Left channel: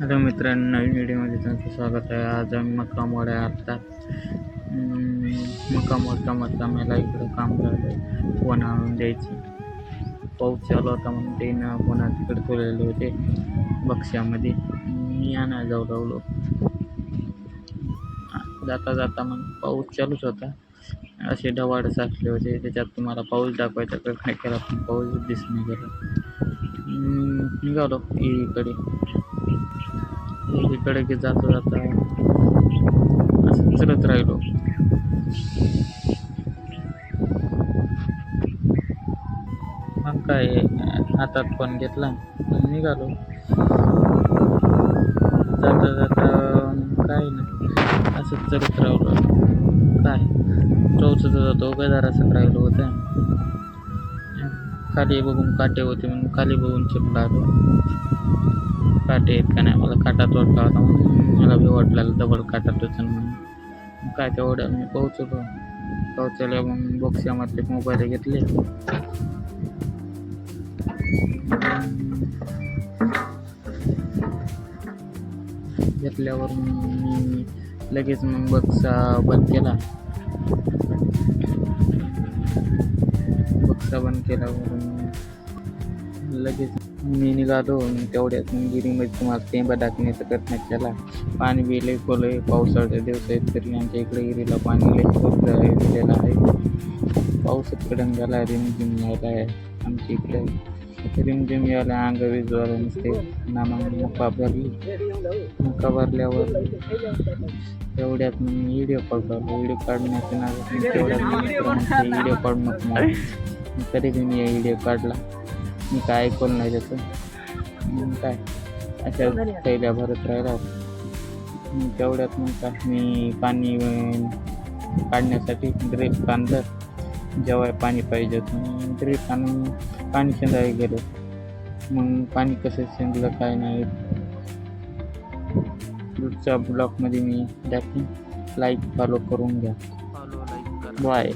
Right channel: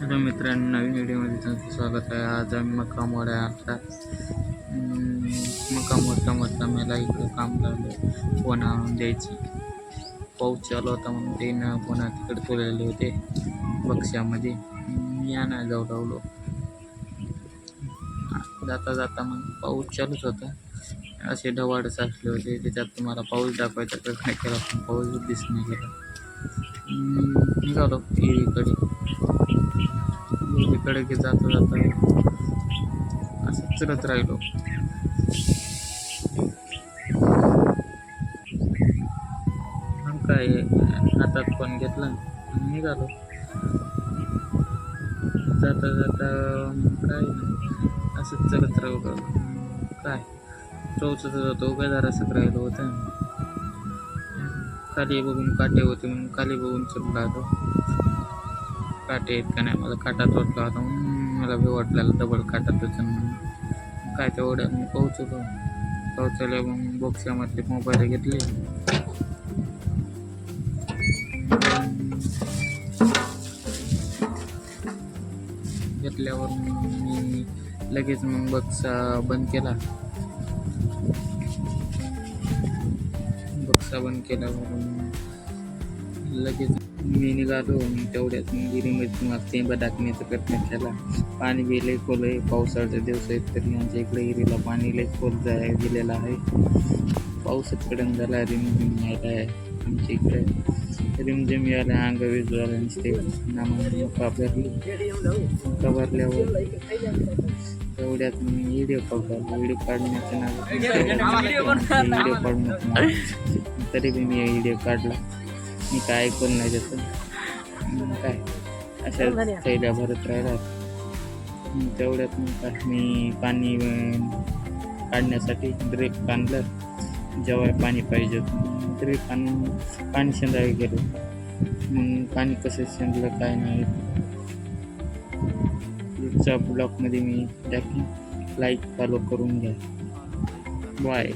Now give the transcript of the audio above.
Hello मित्रांनो, नवीन व्हिडिओमध्ये तुमचं स्वागत आहे. आज आम्ही मकामवाड्या आता मकामवाड कामाला इकडं काम लागलं. फोन आणून द्यायची. पाऊस चालू होता म्हणून ते फोन तिकडे ठेवलेले होते बक्षामध्ये. मी आणायला जाऊ लागलो. जाता जाता मग पाऊस चालूच होता. असे ढवाळ साचले होते. त्याच्यात तुम्हाला पाऊस दाखवायचा प्रयत्न केला पण पाऊस दिसणे गेला. निघालो इकडे की जाता जाता असं चलत राहिलो. मग काय हातात फोन घेतला निघालो. जाता जाता काय नाही असंच चलत राहिलो. काय टोचत जातो काय जरासं राहिलो होतं. खाली बघून काटे होते म्हणून खाली बघून चलला आलो. काटे आहेत का नाही, मला काटा तोडला होता म्हणून मला बी वाटलेलं डबल काटा टोचन म्हणून. काय तेवढ्या मी पोहोचलो मग बॉक्सामधले मोबाईल घेतले. घेतल्यावर मी लगेच मग बक्सा बंद केल्यावर लगेच मी निघालो. तेवढ्यात गिरीमध्ये तुम्हाला तेंबा दाखवण्याचा प्रयत्न केला. पाणी बी लई खोल आहे. पावसाळ्याचे दिवस आहेत तरी आमच्या इकडे गिरीला पाणी लई खोल गेलेलं आहे. पाऊसच कडन झाला. रिमझिम यायला आहे आमच्या इकडे. रिमझिम यायला अंग विजवायला नसते. मका भरल्यावर तेवढ्यात मी व्हिडिओ काढलो. व्हिडिओ काढण्याच्या व्हिडिओ काढू नको तरी बी मी व्हिडिओ काढला. मी काय ऐकलं नाही त्याचं. काय अशा थैल्या भरत राहिला. तेवढ्यात मग काय मी पाणी काढण्यासाठी ड्रिप आणलं. जेव्हा पाणी पाहिजे ड्रिप आणून पाणी शेंदायला गेलो. मग पाणी कसं शेंदलं काय नाही पुढच्या ब्लॉगमध्ये मी टाकीन. लाईक फॉलो करून घ्या. बाय.